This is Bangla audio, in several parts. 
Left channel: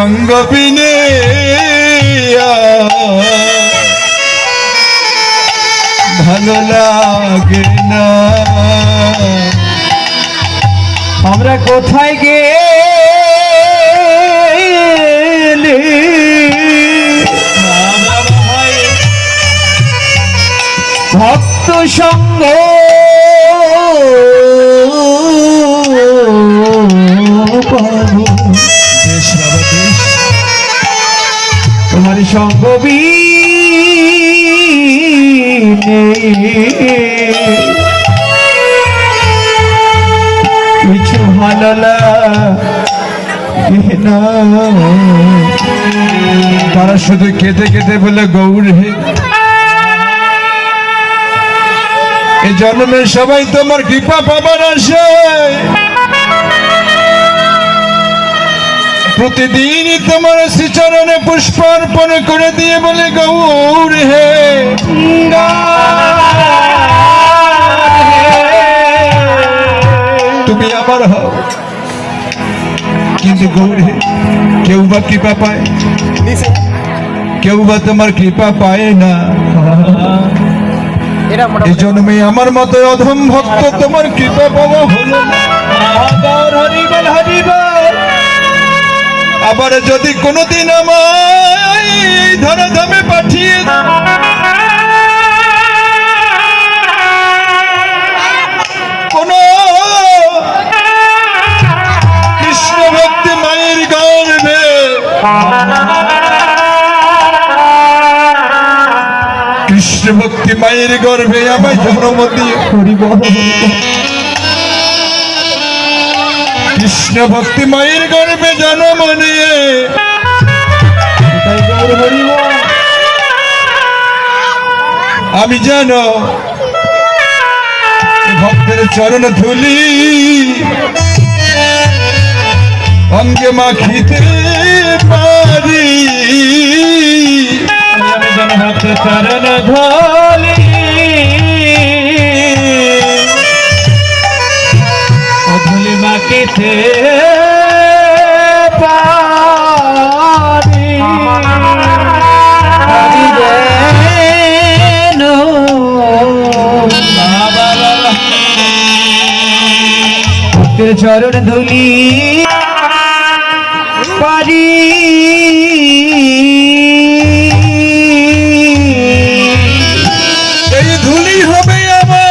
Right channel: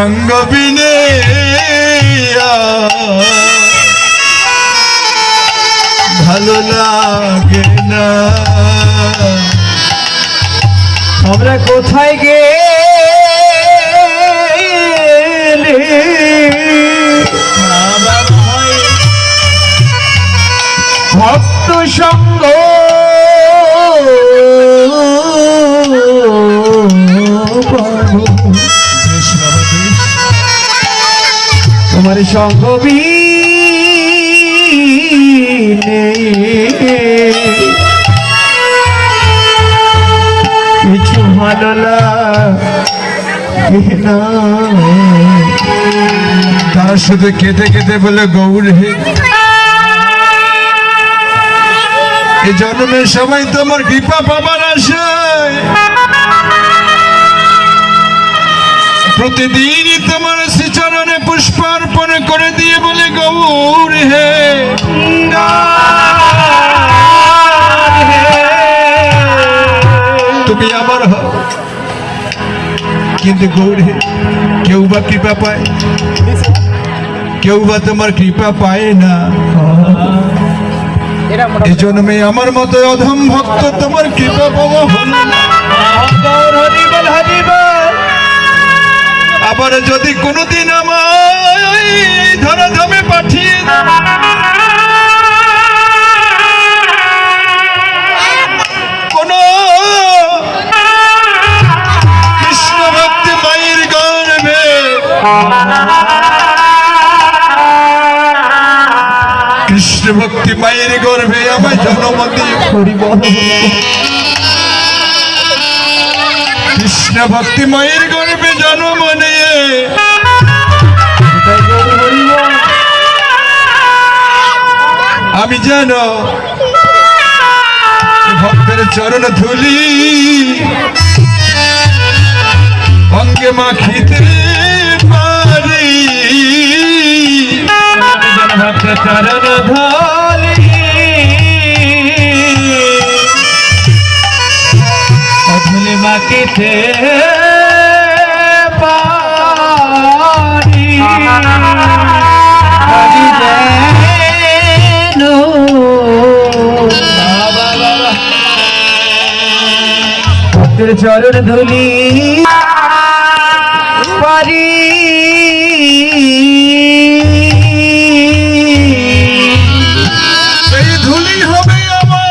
সঙ্গ বিনে ভালো লাগে না। আমরা কোথায় গেলে ভক্ত সঙ্গ পাবো। দেশ বাবা দেশ, তোমার সঙ্গ বিনে কিছু ভালো লাগে না। তারা শুধু কেঁদে কেঁদে বলে গৌর হে, এই জন্মে সবাই তোমার কৃপা পাবার আশায় প্রতিদিনই তোমার শ্রীচরণে পুষ্পার্পণ করে দিয়ে বলে গৌর হে। তুমি আবার হও, কিন্তু গৌর হে কেউ বা কৃপা পায়, কেউ বা তোমার কৃপা পায় না। এই জন্মে আমার মতো অধম ভক্ত তোমার কৃপা পাওয়া হলো না। আবার যদি কোনোদিন আমায় ধরাধামে পাঠিয়ে কোন কৃষ্ণ ভক্তি মায়ের গর্ভে, কৃষ্ণ ভক্তি মায়ের গর্ভে আমায় জন্ম দিয়ে কৃষ্ণ ভক্তি মায়ের গর্ভে জন্ম নিয়ে আমি জানো ভক্তের চরণ ধুলি অঙ্গে মাখিতে পারি। চরণ ধুলি ধুলি মাখিতে পারি। ভক্তের চরণ ধুলি পারি। এই ধুলি হবে আমার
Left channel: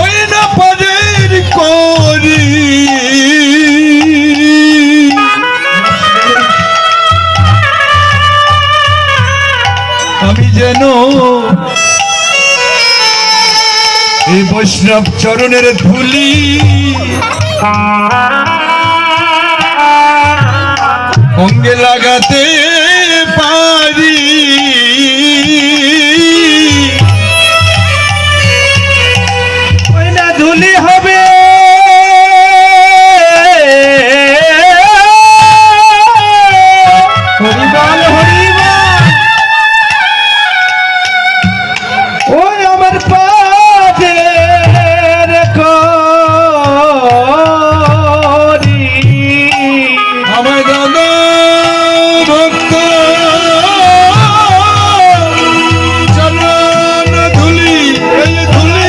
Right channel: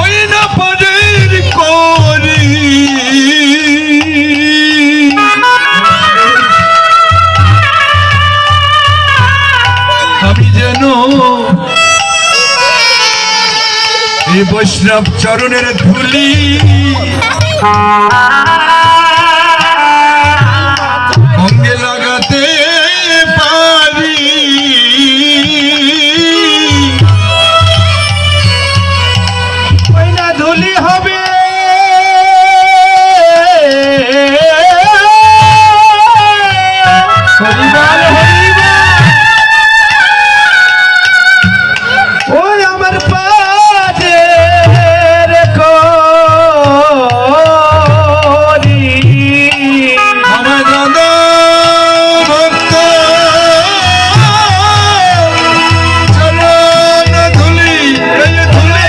ওই না পারের করি। আমি যেন এই বৈষ্ণব চরণের ধুলি অঙ্গে লাগাতে পারি। ধুলি হবে ওই আমার পাশে আমার দাদা ভক্ত চরণ ধুলি, এই ধুলি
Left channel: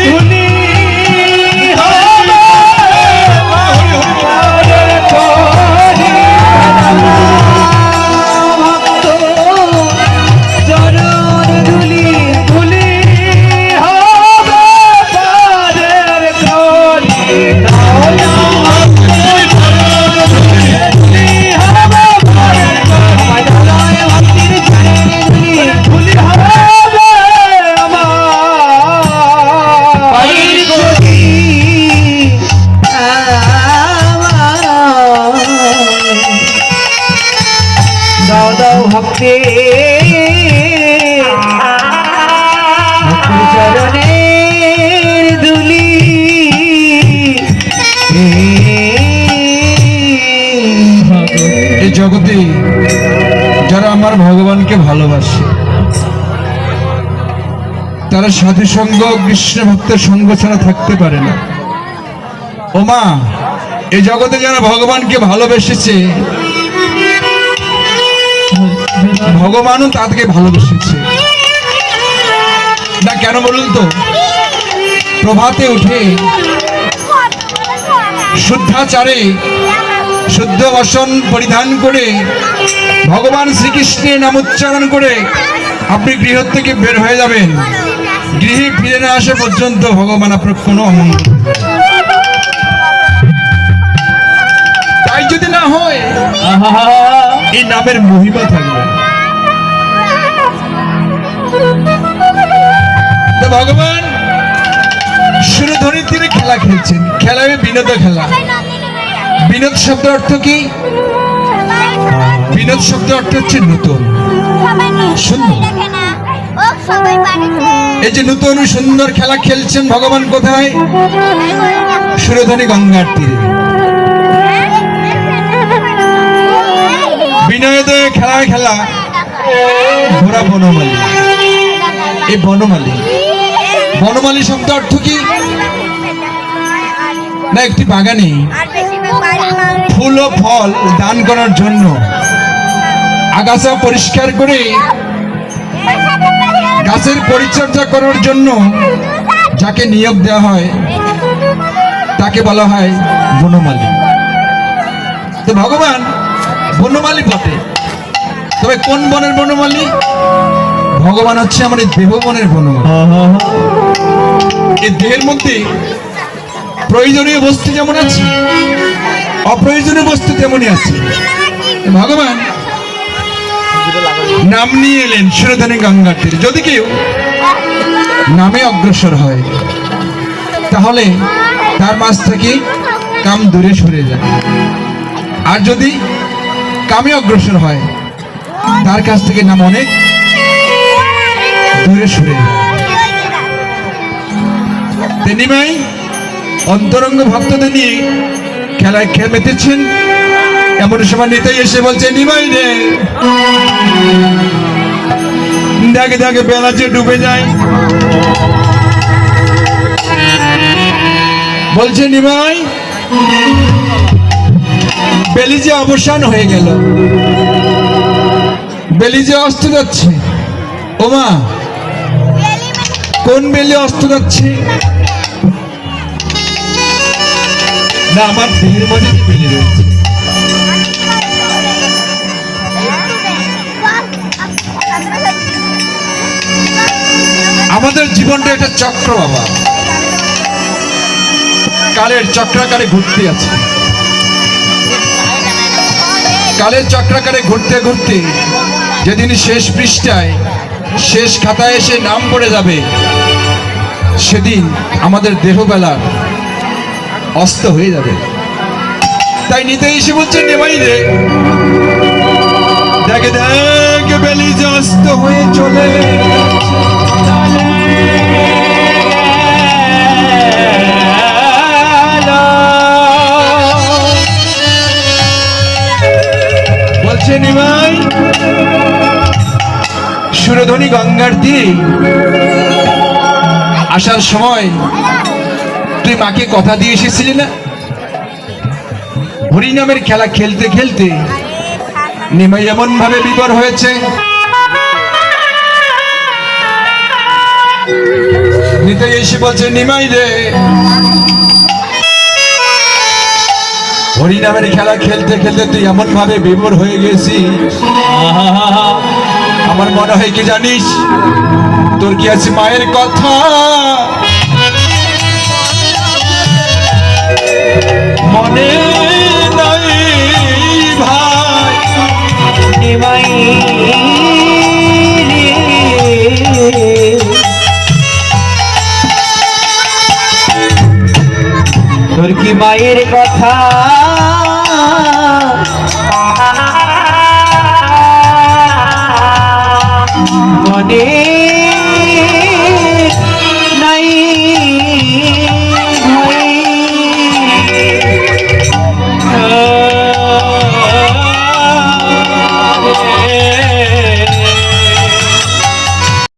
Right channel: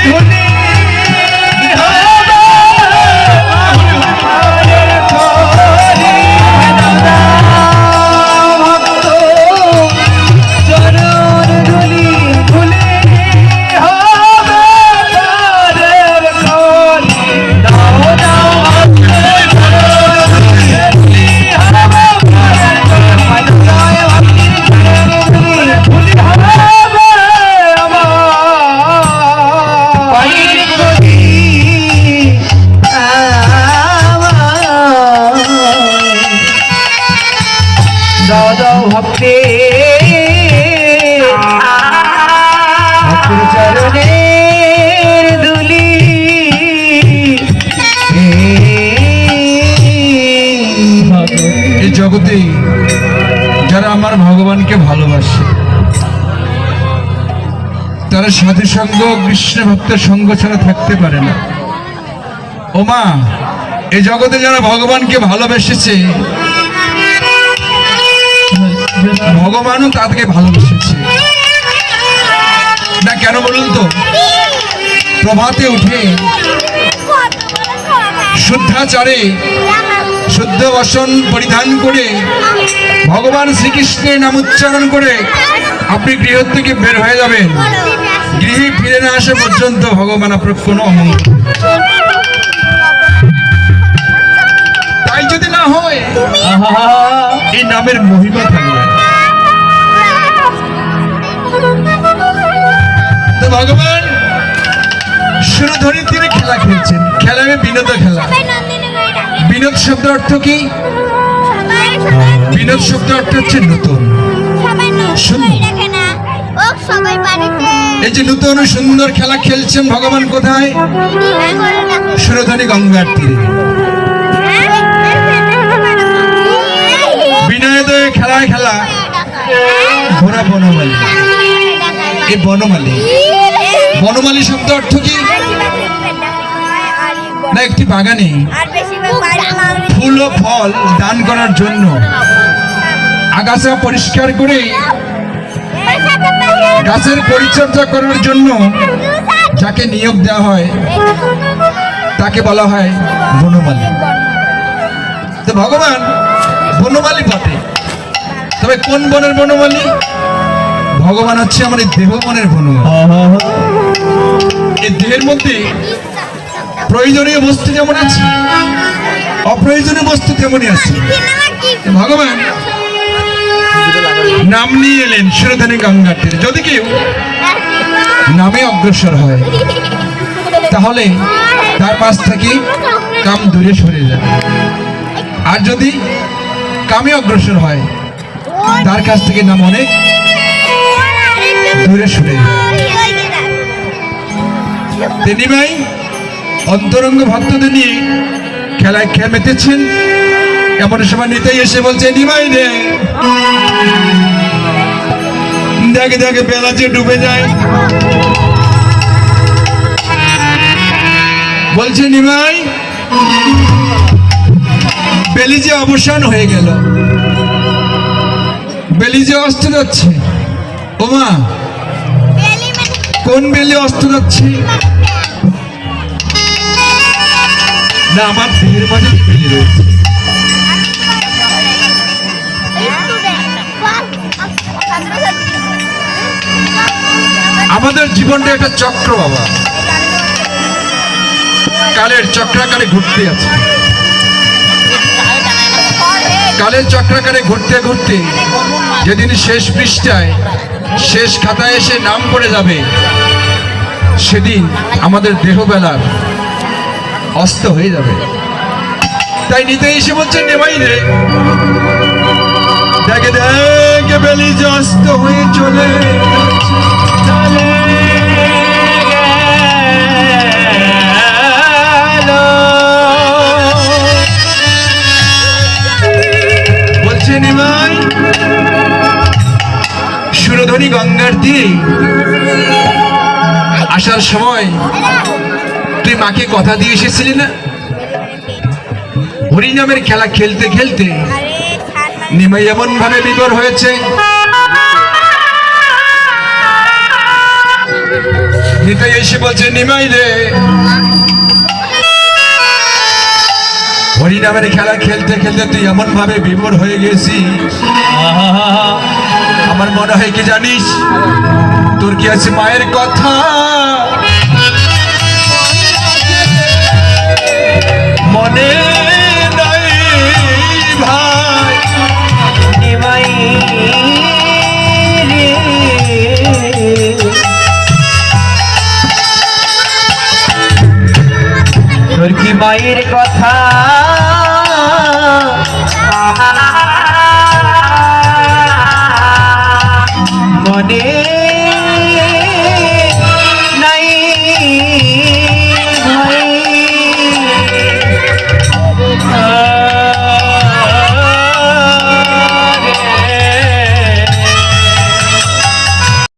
চরণের ধুলি এই জগতে যারা আমার ভগবানকে ভালোবাসে তারা সাধু সঙ্গ কৃষ্ণ ভক্তের সঙ্গ ছাড়া থাকতে পারে না। ও মা, এই জগতে যারা ভগবানকে ভালোবেসেছে, ভগবানও তাদেরকে ভালোবেসেছে না কেন বলুন তো? প্রভাতে উঠে শুদ্ধাচারে শুদ্ধ বসন পরিধান করে ভগবান শ্রীকৃষ্ণের নাম উচ্চারণ করে আপনি গৃহ থেকে বের হয়ে যাবেন, গৃহে ফিরে না আসা পর্যন্ত ভগবান আপনার কোনো অমঙ্গল করবে না। তাই যদি না হয় এই নামের মহিমা থাকবে না। তো ভগবান সুরধনির তীরে খেলা খেলছেন। খেলা বিনোদ খেলা। বিনোদ শব্দ অর্থ কি? বিনোদ শব্দ অর্থ হচ্ছে নতুন, সুন্দর। এই যে নতুন সুন্দর খেলা খেলছেন ভগবান কোথায়? সুরধনী গঙ্গার তীরে। বিনয়োদয় খেলায় খেলা ঘোড়া বনমালী। এই বনমালী, বনমালী শব্দ অর্থ কি? না, একটি বাগানে ফুল ও ফল দান করার জন্য আগাছা পরিষ্কার করে গাছের পরিচর্যা করার জন্য যাকে নিয়োগ দেওয়া হয় তাকে বলা হয় বনমালী। তো ভগবান বনমালী বটে, তবে কোন বনের বনমালী? ভগবান হচ্ছে আমাদের দেববনের বনমালী। এই দেহের মধ্যে প্রয়োজনীয় বস্তু যেমন আছে, অপ্রয়োজনীয় বস্তু তেমনই আছে। ভগবান নাম নিয়ে এলেন সুরধনী গঙ্গার তীরে। যদি কেউ নামে অগ্রসর হয় তাহলে তার পাশ থেকে কাম দূরে সরে যায়, আর যদি কামে অগ্রসর হয় তার কাছ থেকে নাম অনেক দূরে সরে যায়। নিমাই অন্তরঙ্গ ভক্তদের নিয়ে খেলায় মেতেছেন। এমন সময় নিতাই এসে বলছে, নিমাই রে, দেখে দেখে বেলা যে ডুবে যায়। বলছে, নিমাই, বেলি যে অবসান হয়ে গেল, বেলি যে অস্ত যাচ্ছে। ওমা, কোন বেলি অস্ত যাচ্ছে? না, আমার দেহের মধ্যে যে বেলি রয়েছে। আমাদের জীবনটা একটা চক্র বাবা, কালের চক্রাকারে ঘুরতে আছে। কালের চক্রাকারে ঘুরতে ঘুরতে যেদিন শেষ পৃষ্ঠায় শেষ খাতায় এসে নাম পড়ে যাবে, সেদিন আমাদের দেহবেলার অস্ত হয়ে যাবে। তাই নিতে এসে বলছে, নেমাই রে, দেখে দেখে বেলি যে অস্ত হয়ে চলে বলছে, নিমাই, সুরধনী গঙ্গার তীরে আসার সময় তুই মাকে কথা দিয়ে এসেছিলি না? হরিনামের খেলা খেলতে খেলতে নিমাই এমন ভাবে বিভোর হয়েছে, নিতাই এসে বলছে, নিমাই রে, হরিনামের খেলা খেলতে খেলতে তুই এমন ভাবে বিভোর হয়ে গেছিস, আমার মনে হয় কি জানিস, তোর কি আছে মায়ের কথা মনে